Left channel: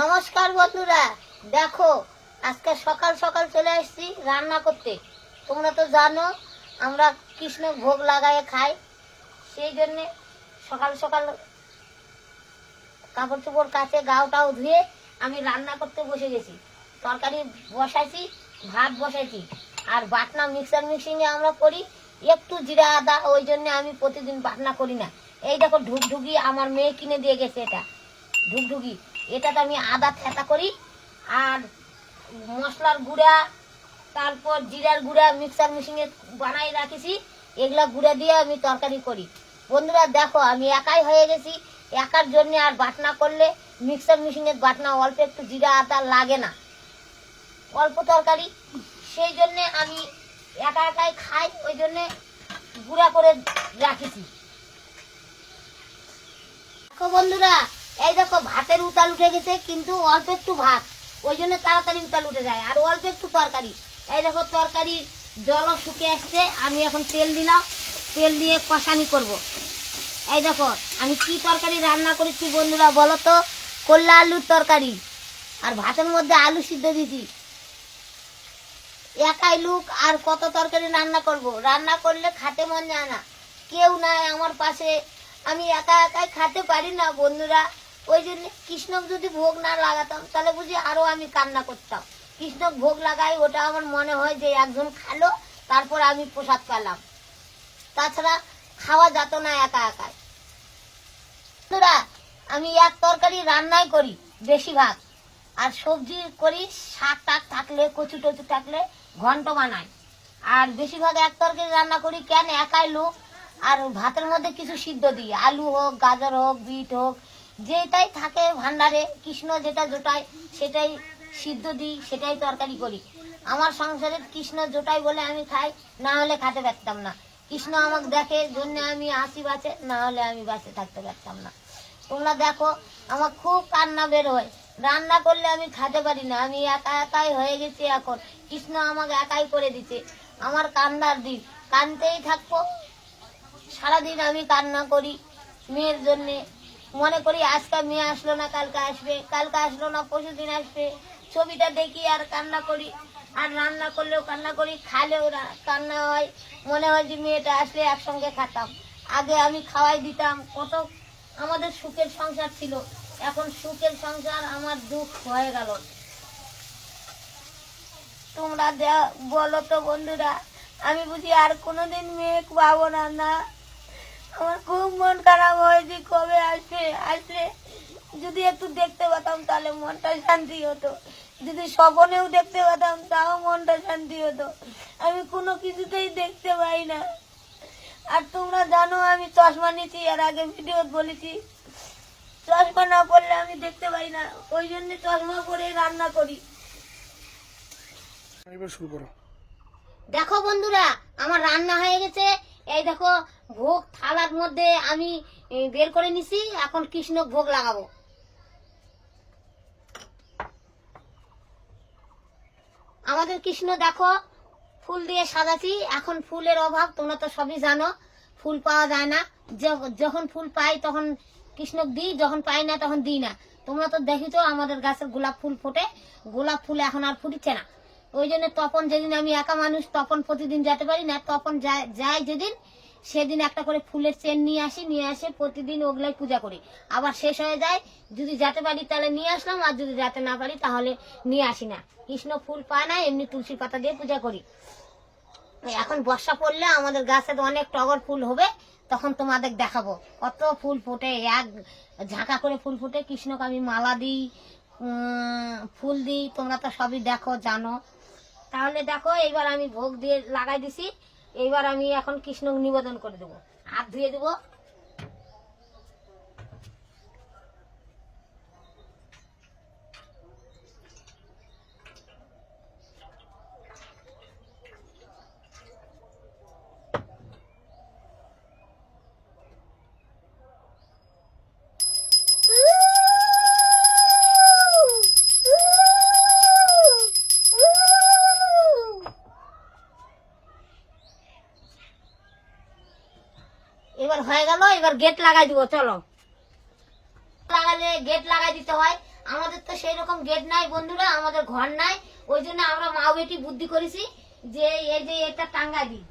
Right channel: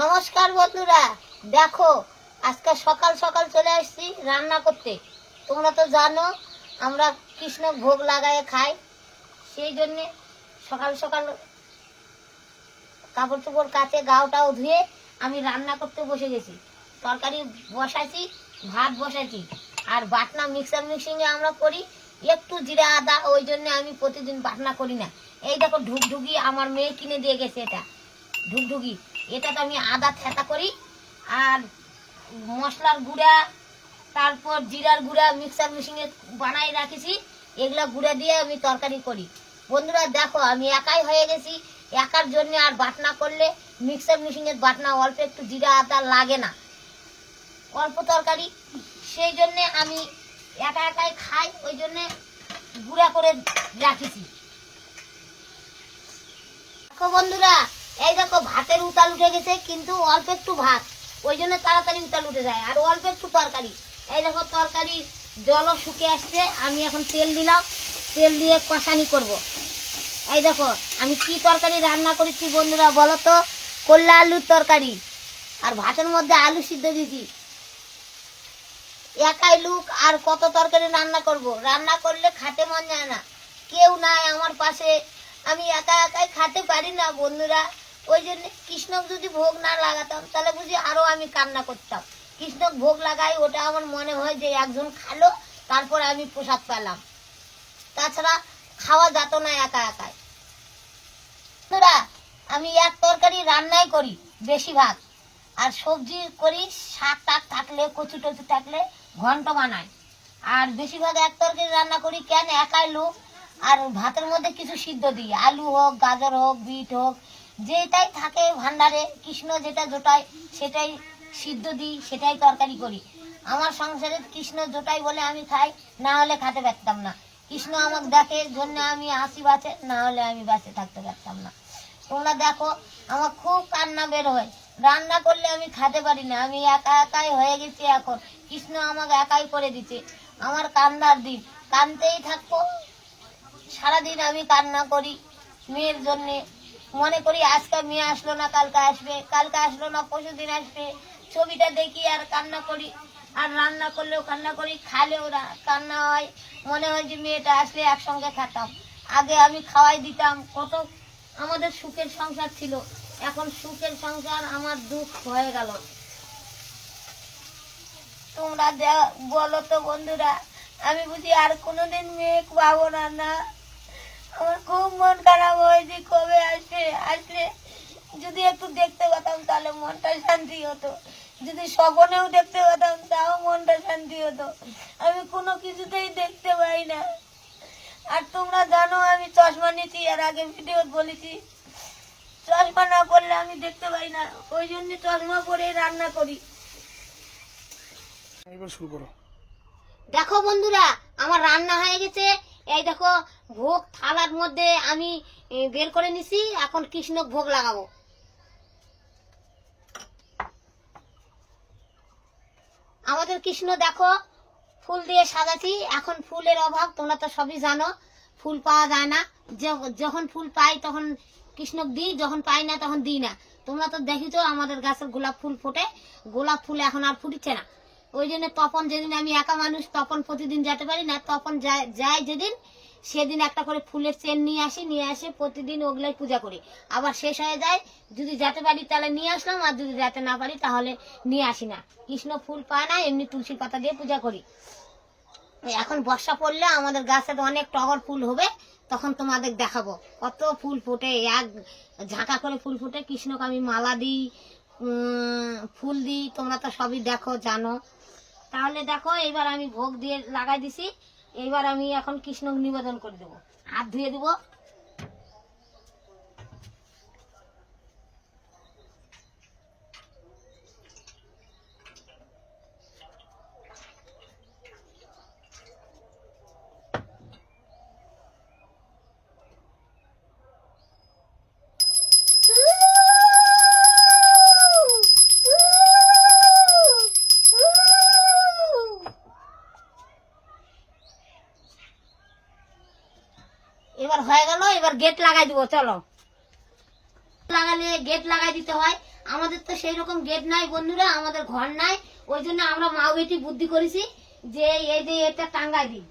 নমস্কার বন্ধুরা, দেখো আজকে সকাল সকাল চলে আসছি রান্না করতে। তোমরা তো জানো আমরা কৃষ্ণ ভোগ লাগায় খাই, সেই জন্যে সকাল সকাল কাপড় চোপড় কাচে গাওটাও ধুয়ে আমি রান্না করতে বসে গেছি। তরকারি বসাইছি, ভাত বসাইছি, আর বাটনা মিক্সার মিক্সিংয়ে আমরা করি একটু জিরা আদা, ওই জন্য আমি প্রতিদিন বাটনা করি না। এই দেখো ঢুকঢুকি আমার মেয়ে কিনে দিয়ে গেছে, এটা ঢুকঢুকি, এটাতে আমি আদা থেঁতা করি আর মশলার গুঁড়া, তারপর জিরার গুঁড়া মিক্সার মেশিনে বানাই রাখেছি, এগুলা গুঁড়া দিয়ে আমি তরকারি করি। বন্ধুরা দেখো আমি একাই হয়ে গেছি, একার জন্য আর বাটনা করলে মিক্সার মেশিনের বাটনা অল্প একটু জিরা আদা লাগে না, অল্প তরকারি, সেই জন্যে আমি একা একাই খাই, ওই জন্যে গুঁড়া করে রাখেছি। দেখো বন্ধুরা, এই দেখো ভাতের উতাল উঠে গেছে, কিন্তু অল্প একটু ভাত, ওই জন্য তাড়াতাড়ি উতাল উঠে যায়, আর অল্প একটু তরকারি। এই দেখো তরকারির জলও শুকে আসছে, আমি এখন তেল দিলাম, তেল দিয়ে কষানি করব। এই দেখো আমি কি তরকারি রান্না করেছি বন্ধুরা বলো তো, করলা আলুর তরকারি, আর ভাতের মধ্যে আলু সিদ্ধ দিয়েছি। একাই লোক আর কত তরকারি রান্না করব, রান্না করলে খেতে মন যায় না, কেউ নাই আমার পাশে, আমি একা একাই খেতে পারি না বন্ধুরা। ওই জন্য কৃষ্ণক যদি ভোগ না লাগাতাম তাহলে বুঝি আরো আমি কান্না করতাম। কৃষ্ণক ভোগ লাগাই, ওটা আমার মনে হয় যে একজন খালো তারপর আমি প্রসাদ পেলাম, তাছাড়া খাওয়া যেত না একা একাই। বন্ধুরা আমি এক তরকারি রান্নাই করি বেশিরভাগ, আর সবজি করি শাক টাক থাকলে, কচু টচু থাকলে ঘন্ট বানাই, আর বেশিরভাগ এক তরকারি রান্না করি। কেন, একাই লোক, আর ভাতের মধ্যে কিছু সিদ্ধ দিই, আলু হোক, গাজর হোক, বিট হোক, যেটাই থাকে ভান্ডারে কৃষ্ণ যেটা জোটায় সেটাই সিদ্ধ দিই, সেটাই তরকারি করি। আমার সংসারে কৃষ্ণ জোটাই বলে আমি খাই, না হলে খেতে পারতাম না। কৃষ্ণ আমাকে দেখে জন্য আমি হাসি বাঁচে, না হলে আমি বাঁচে থাকতে পারতাম না। তোমরা দেখো আমার খুব কান্না বের হয়, রান্না করলে আমি খেতে পারি না, আমি একা একাই হয়ে গেছি এখন, কৃষ্ণ আমাকে একাই করে দিচ্ছে। আমার কান্নার দিন, কানতেই থাকবো সারাদিন, আমি কান্না করি মেয়ের জন্যে, মনে করি আজকে মেয়ে আসলো না, কালকে আসবে, কালকে আসলো না, পরশু দিন আসবে, ছবিটা দেখি আর কান্না করি, আর রান্না করলেও কান্না করি, খালেও কান্না হয়, মনে হয় যে মেয়েটা আসলে একসঙ্গে খেতাম। আগে আমি খাওয়াই দিতাম, কত আমাদের সুখের সংসার ছিল, এখন সুখের সংসার আমার দুঃখ হয়ে গেল। তোমরা বলো তো বন্ধুরা, আমি বুঝি আর কোনোদিন মেয়ে পাবো না? না, আমার খুব মন খারাপ হয়েছে, কবে আসবে, আসলে যদি একটু দেখতে পেতাম তাহলে মনটা শান্তি হতো, যদি স্বপ্নেও দেখতে পেতাম তাও মনটা শান্তি হতো, আমি কোনো কিছুতেই দেখতে পাই না। আর তোমরা জানো আমি চশমা নিচ্ছি, এর আগে ভিডিও বলেছি, চশমা না পড়লে আমি দেখতে পাই না, ওই জন্য চশমা পরে রান্না করি। দেখো বন্ধুরা আমার রান্না হয়ে গেছে, এই দেখো ভোগ থালার মধ্যে আমি বের করে নিছি, এখন কৃষ্ণ ভোগ লাগাবো। আমাদের কৃষ্ণ দেখো ফুল দিয়ে সাজাচ্ছি, এখন ফুলের অভাব, তোমরা তো সবই জানো, ফুল পাওয়া যায় না, যখন ফুল পাই তখন কৃষ্ণক দিই, যখন পাই না তখন দিই না। তোমরা তো দেখিছো আমাদের গাছের গোলাপ ফুল ফোটে, গোলাপ ফুল এখন আর ফুটছে না, ওই জন্য তপন, যেদিন আমি একা মানুষ তপন প্রতিদিন যেতে পারি না, তপন যায় যেদিন, সেদিন একটা করে ফুলের চেন নিয়ে আসে প্রতিদিন, ওগুলাই পূজা করি, আবার শেষ হয়ে যায়, যদি যেতে পারি তাহলে নিয়ে আসলাম, আর যদি যেতে না পারি তাহলে নিয়ে আসি না। কৃষ্ণ ফুল পায় না, এমনি তুলসী পাতা দিয়ে পূজা করি। এখন বর্ষা পড়লে আমাদের গাছের অনেক টগর ফুল হবে, তখন তোমাদের দেখাবো কত ফুল ফোটে, এক ঝাঁকা করে ফুল ফোটে, কৃষ্ণকে আমি মালা দিই, ফুল দিই, তোমরা তো সবই দেখো জানো। তাহলে দেখো এইবার আমি ভোগ দিয়ে লাগাই দিছি, এইবার আমি এখন কৃষ্ণকে নিবেদন করে দেবো, হাত ধুয়ে দেবো। এবার হয়ে গেল, এবার গেট লাগাই দিব, চলো। লাগালে গেট লাগাই দিতে হয়, আমাদের তো সেই রকম গেট নাই বন্ধুরা, আমাদের ঘর নাই। ওই জন্য আমরা মা বেটি বুদ্ধি করেছি যে এই যে এটা টাঙ্গাই দিই।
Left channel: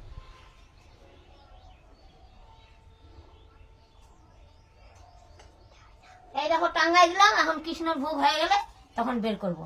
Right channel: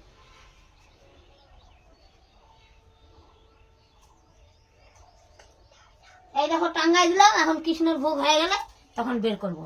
এই দেখো টাঙ্গাই দিলাম, এখন কৃষ্ণর ভোগ হয়ে গেলে তখন বের করব।